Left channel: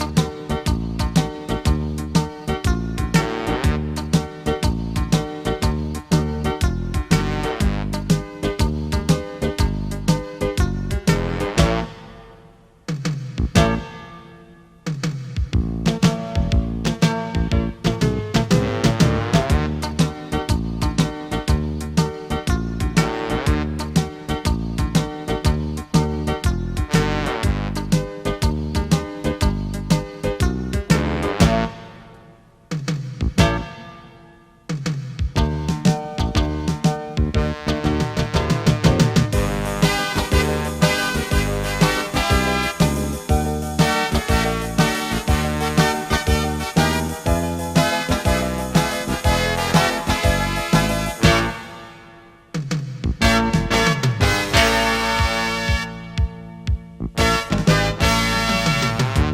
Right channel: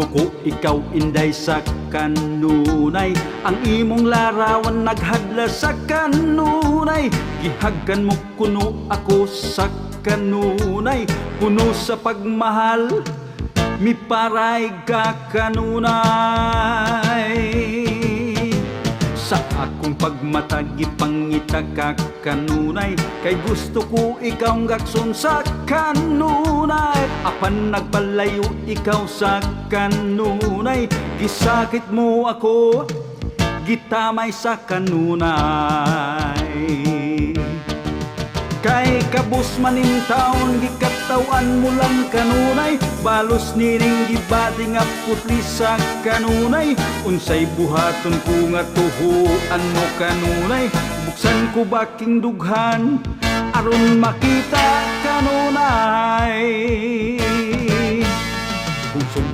Tinggo ko ikaw inday sa kanunay, ang imong larawan naghadla sa kanunay. Gihagkan mo kuno ako sa kanunay, puno sa pagmahal, miparay ka kanunay. Sa akong pagmatag ipangita ka kanunay, kay gusto ko ikaw ngagsun sa kanunay. Apan nagpalayo ikaw sa kanunay, gisakit mo ako, gitamay sa kanunay. Kay kabus maning taon, gikatawan mo lang kanunay, balos niring gibaling ang puti sa kanunay. Unsay buhaton ko nga tuhuan mo kanunay, buksan ko baking dughan aron makita kanunay.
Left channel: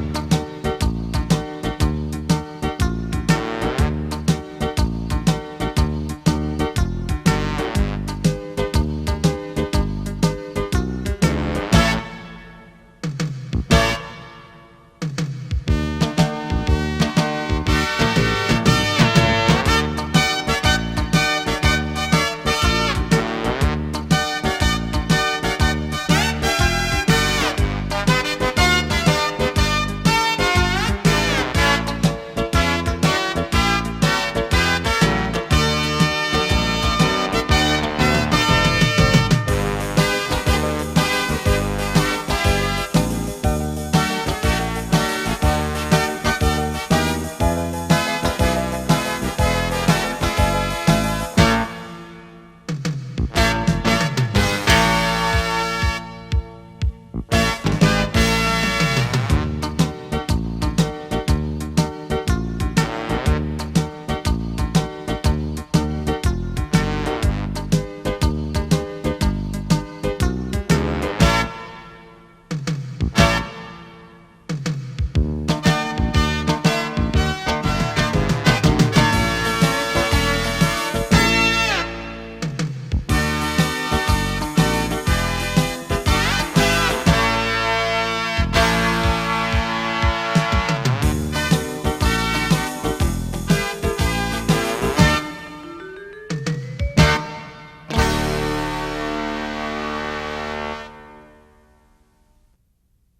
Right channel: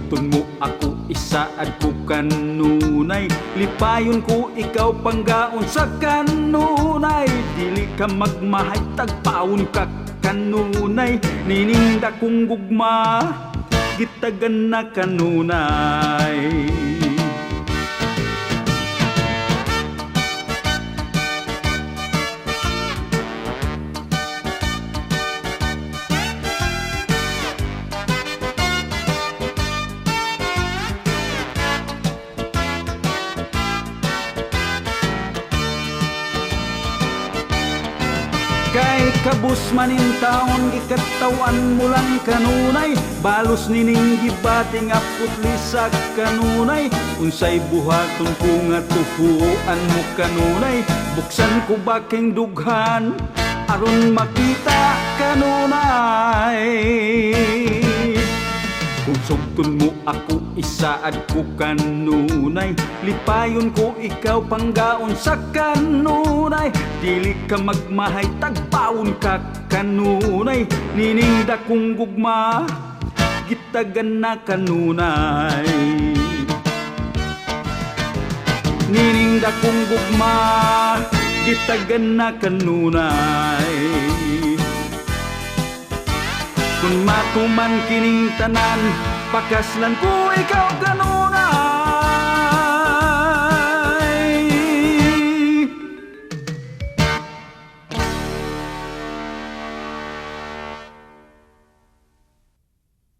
Kung mo ako isaad ko kanunay, lipayon ko ikaw panggaon sa kanunay. Dili ka magmahay tagpaon ka kanunay, nininda kong gugma gitagan na kanunay. Kabus maning taon, ikatawan mo lang kanunay, balos nining gipating apot ni sa kanunay. Unsay buhaton ko nga tupuan mo kanunay, buksan ko baking dughan aron makita kanunay. Tugsugton mo ako isaad ko kanunay, lipayon ko ikaw panggaon sa kanunay. Dili ka magmahay tagpaon ka kanunay, nininda kong gugma gitagan na kanunay. Nininda kong gugma gitagan na kanunay. Kung matuman kining tanan, pakaslan ko